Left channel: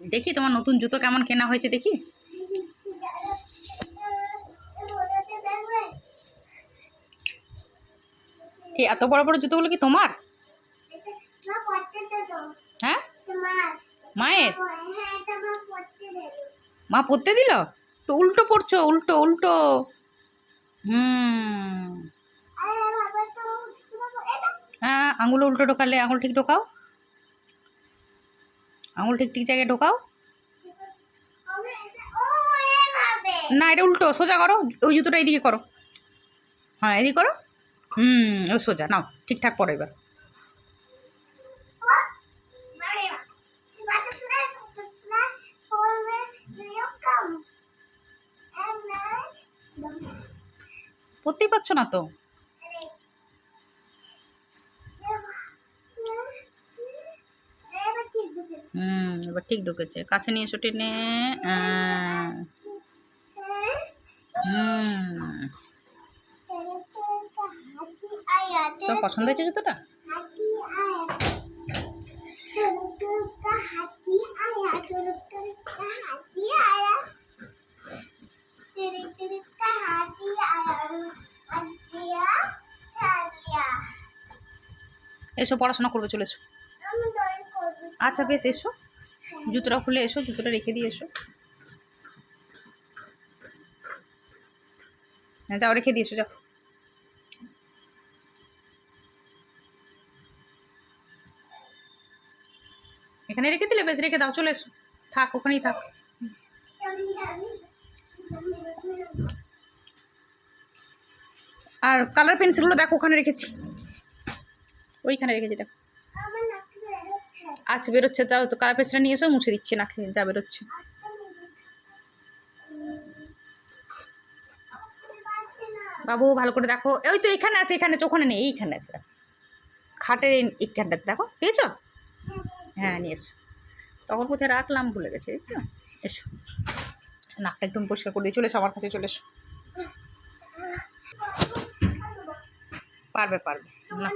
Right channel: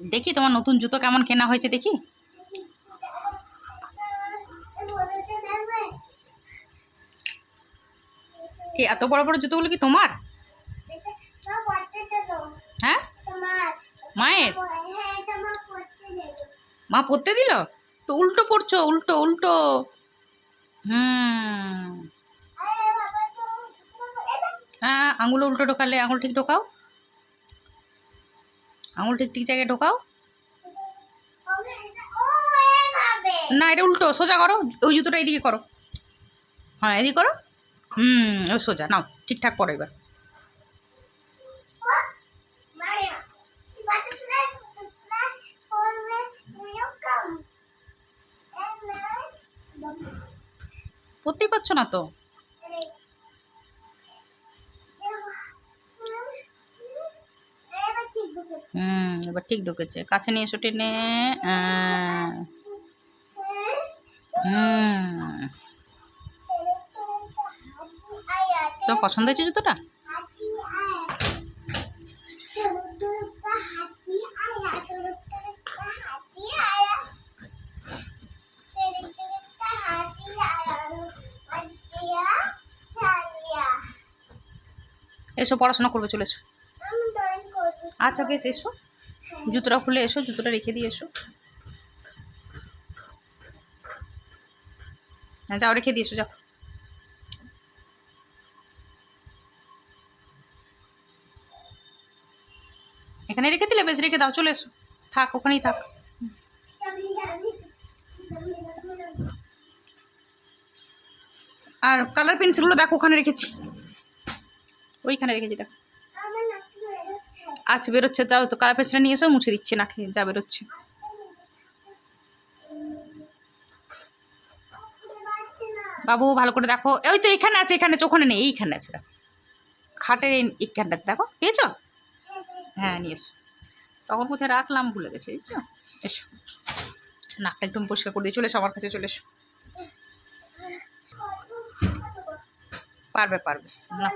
দেখি তোমার নতুন জুতো কেমন কেনা হয়েছে দেখি। এই এত বড় বড় জুতোগুলো কি তোমার? হ্যাঁ, মায়ের। মা পরতে দিল তো? উল্টো পড়ছো, উল্টো উল্টো। হ্যাঁ, আঙুল উল্টো ঢোকালে, আঙুল ঠিক ঢোকাও, আঙুল ঠিক ঠিক জায়গায় ঢোকাও। না, এটা উল্টো, সোজা করো। ওই জুতোটা এদিকে করো। হ্যাঁ, এদিকে করো। ওই সোজা নাও, ঠিকঠাক পড়ো এবার। পড়তেই পারছো না তো। এবার ঠিক ঢুকেছে। কাছে নিয়ে এসো, টেনে। তোমার পছন্দ হয়েছে জুতোটা? এসো, পড়াশোনা করবে, চলে এসো। আচ্ছা বেশ, এসো। জুতোটা খুলে এসো, জুতোটা রেখে দিয়ে এসো। যাও, রেখে দিয়ে এসো, যাও। এখানে রেখে দিলে? বেশ, রেখে দাও, চলে এসো। থাক, ওখানেই থাক। আর কালার পেন্সিলগুলো দেখো, ওখানে রেখেছি, ওইখানে রেখেছি, দেখো। আচ্ছা, বেরোচ্ছে, যাও তো, কালার পেন্সিলটা নিয়ে এসো, মুছে দিচ্ছি, না খেয়ে যা, বেরোচ্ছে। বাবু ভালো করে দেখো। ওই তো এখানে আছে, এখানে আছে, ওখানে নেই, এইখানে আছে। খাটের এইখানটাতে দেখো, পেয়েছো? হ্যাঁ, নিয়ে এসো। তখন কোথায় রাখলাম ভুলে গেছি, দেখছো। এসো, নাকটা একদম পরিষ্কার করে দিয়ে চলে এসো, আমার কাছে চলে এসো। পারবে পারবে না।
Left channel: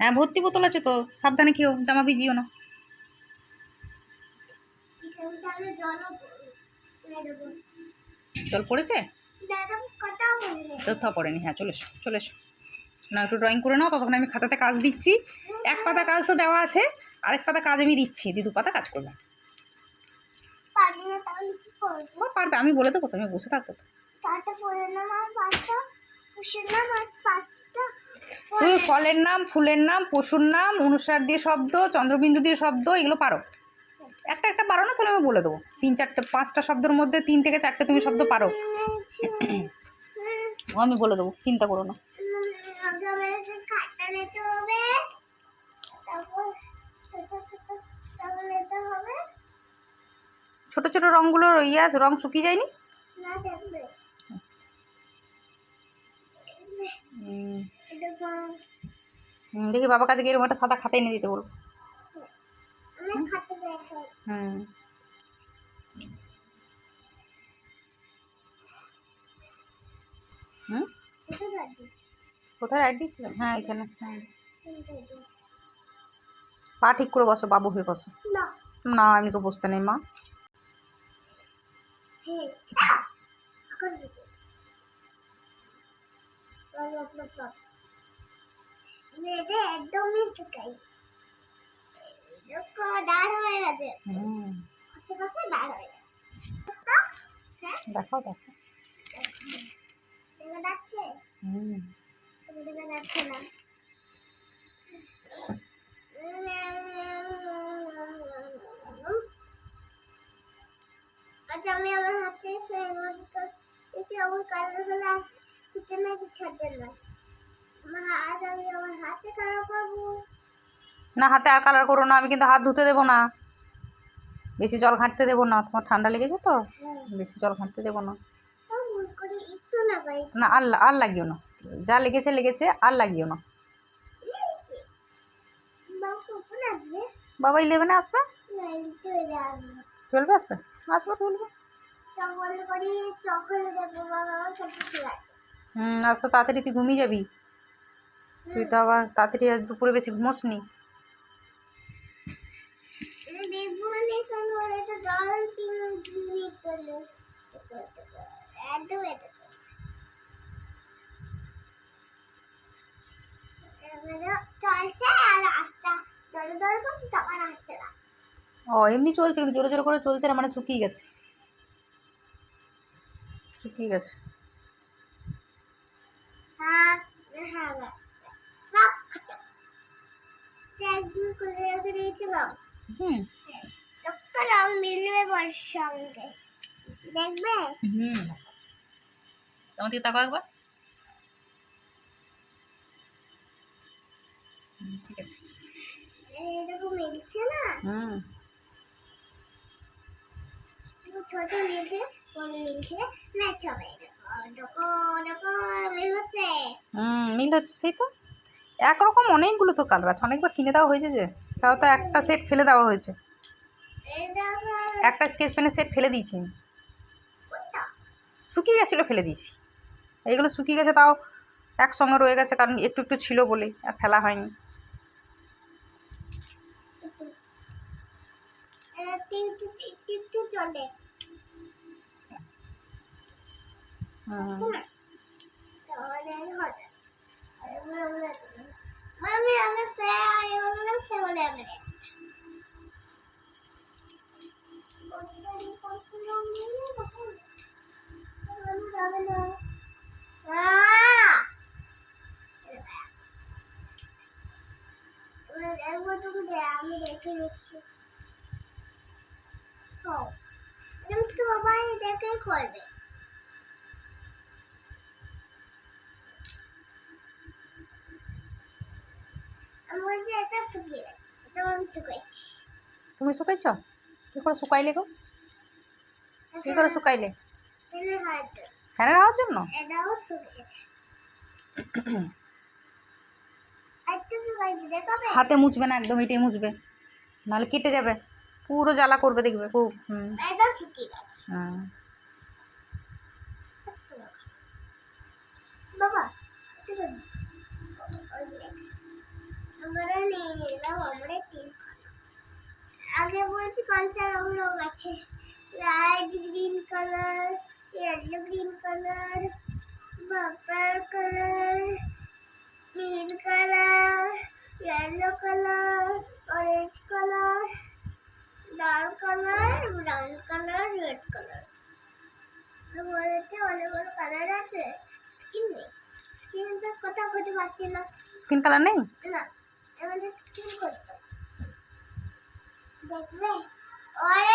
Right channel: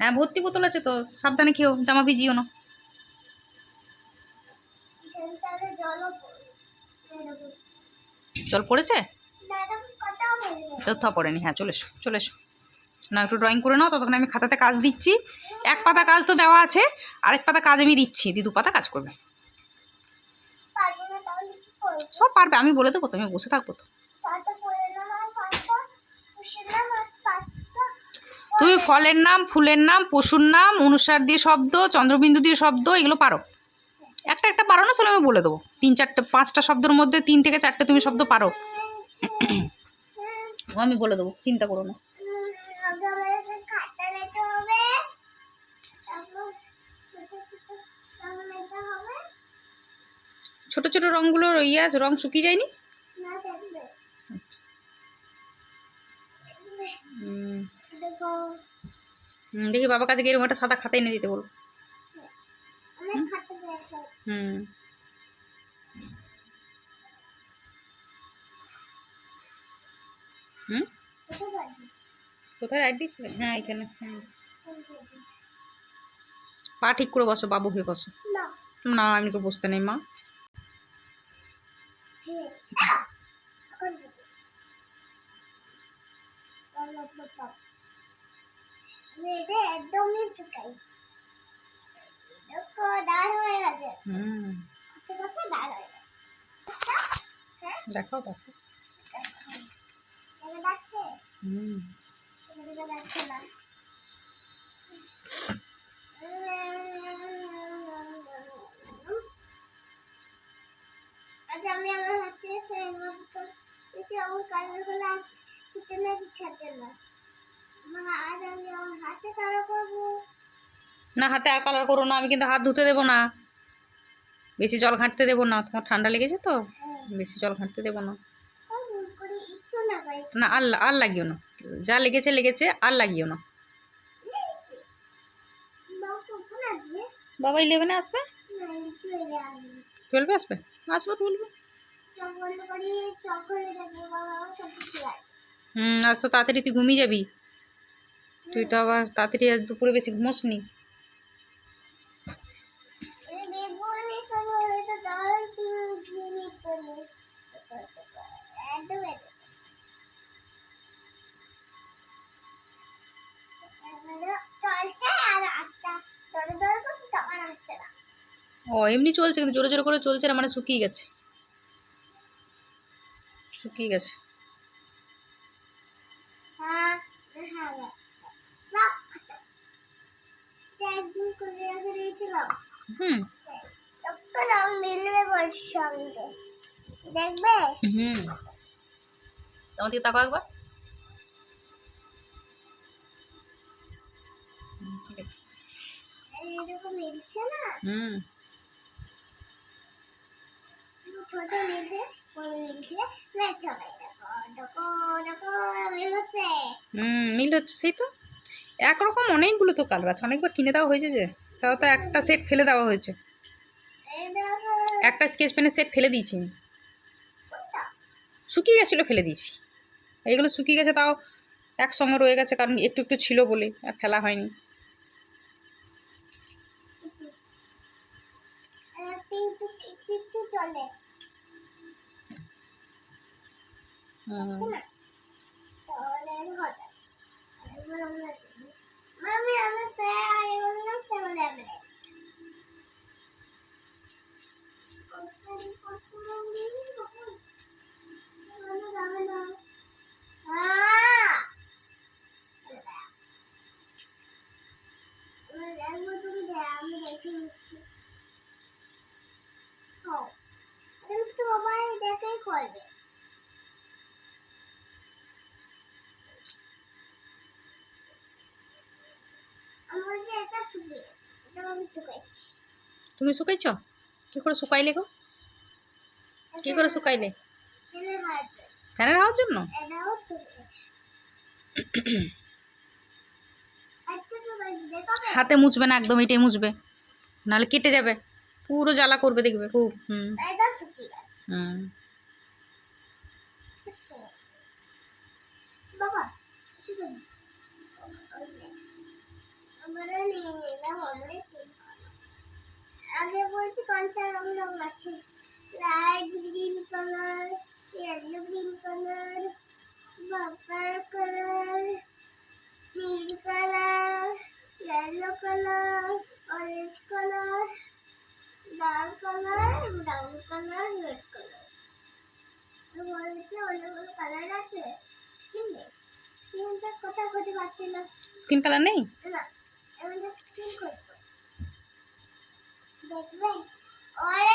হ্যাঁ, ভর্তি বোতল আছে তো, সাবধানে খেও, জামা ভিজিও না। জল পড়েছে তো? পড়েনি। হ্যাঁ, চলে এসো, চলে এসো। না, একটু ড্রয়িং করে নাও, ততক্ষণ আমি খাতাতে কাজ দিচ্ছি। এক পাতা কাজ তো দেওয়া আছে, আরেক পাতা কাজ আমি দিচ্ছি, 2 পাতা কাজ করবে। সব পারবে, আমি বলে দেবো, তুমি বসে থাকবো তো। তুমি ফলের নাম, ফুলের নাম, পশুর নাম, অনুসার দিয়ে শব্দ, চন্দ্রবিন্দু দিয়ে শব্দ, এগুলো পারো। একটা একটা পারো না, আসলে আমি বলে দেবো। 3-4-5টা শব্দের মধ্যে 3 থেকে 4টে তুমি শব্দ পারো। আমি বলে দেবো, চিন্তা করো না। ছোট ছোট রঙগুলো রং শুকিয়ে যায়নি? দেখি, বাবা কাছে গিয়ে একটা সাদা খাতা এনে দিতে বলো। কোথায় রাইট দিয়েছিলেন? হ্যাঁ, এখানে। হ্যাঁ, পা ঠিক করে বসো, বাবু হয়ে বসো। না, এমনি করে বসতে নেই মা। দেখাও, দেখো। আচ্ছা, আমি আমার হাতে আমার কালারগুলো আসছে না, ছাড়তে না। আজ আমি আমার হাতে কালার করবো না। হাতে আর কালার করো না, আমি কিন্তু হাত ধুতে দেবো না, বেশি জল ঘাঁটতে দেবো না। তোমার ঠান্ডা লেগেছে তো, বেশি জল ঘাঁটতে দেবো না। না, আর লাগিও না, যা লেগেছে লেগেছে, আর লাগিও না। বাবা 11-এ আসবে। 12-এ আসবে? আসবে 12-এ। আজ তো তাড়াতাড়ি তুই ঘুমিয়ে যাবি। তুই তো আবার তাড়াতাড়ি দুপুরে বেশি ঘুমোস নি। একদম এতে চলছে আর আস্তে দৌড়ে দৌড়ে করছে তখন হচ্ছে না। ও এমনি চলছে কিন্তু জোরে জোরে করে চলছে না, মানে শুকিয়ে গেছে, শুকিয়ে গেছে। হ্যাঁ হ্যাঁ একদিন করে রেখে দিয়েছিলাম। হুম একটা রং মিলবে ওর সঙ্গে, দেখবে? হুম আমার দিকে তাকাও একবার। ঠিক আছে। এরকম মিলছে না, হুম ছোট মিলছে বড় মিলছে ম্যাচ হবে। দেখো দেখো দেখো মিল হচ্ছে। মিল হচ্ছে, সেই তো একরকম অনেকগুলো তো কালার আছে, অনেকবার কিনে দেওয়া হয়েছে যে, তাও তো একটা সেট ফেলে দেওয়া হয়েছে, এই দেখো একটা স্কেচ পেনের সেট ফেলে দিয়েছি আমি। কোনটা? শুকিয়ে গেছিলো ফেলে দিয়েছি, এইগুলো শুকিয়ে গেছে তাও একসঙ্গে রয়ে গেছে, কারণ একটু একটু ছিল বলে আর ফেলা হয়নি। একটু একটু একটু একটু চলে হুম না, তাহলে হবে। মামি আমি সে আই বললাম সে বলে আমি আমি দেখে নিচ্ছি। সবাই দেখেই করবে। আমি বলছি এটা শুকিয়ে গেছে, এটা আমি শুকাইছি। তুমি শুকাইছ? কী করে শুকাইলে গো? কী করে শুকাইলে? ফ্যানের হাওয়ার জন্য? এটাও শুকিয়েছে। একটু শুকাইছি, দেখাবে? হাতে মুছবে না একদম, এটাই মুছবে, নাহলে কেটে যাবে, পুরো জ্বালা করবে দেখবে খুব। এটা শুকিয়ে গেছে। বাবা আমরা নিলাম, আমরা ঠিক আগে বলছি কোনটা রং আছে। Light green colour, yellow green colour, purple colour, নীল colour, yellow colour, orange colour, লাল colour, brown colour, red colour. বলতে অনেকগুলো কালার আছে। স্কিন নেই, স্কিনটা কোথাও খুঁজে পাচ্ছি না। স্কিন কালার নেই? না, আমাদের স্কিন করতো দেখবে। অরেঞ্জ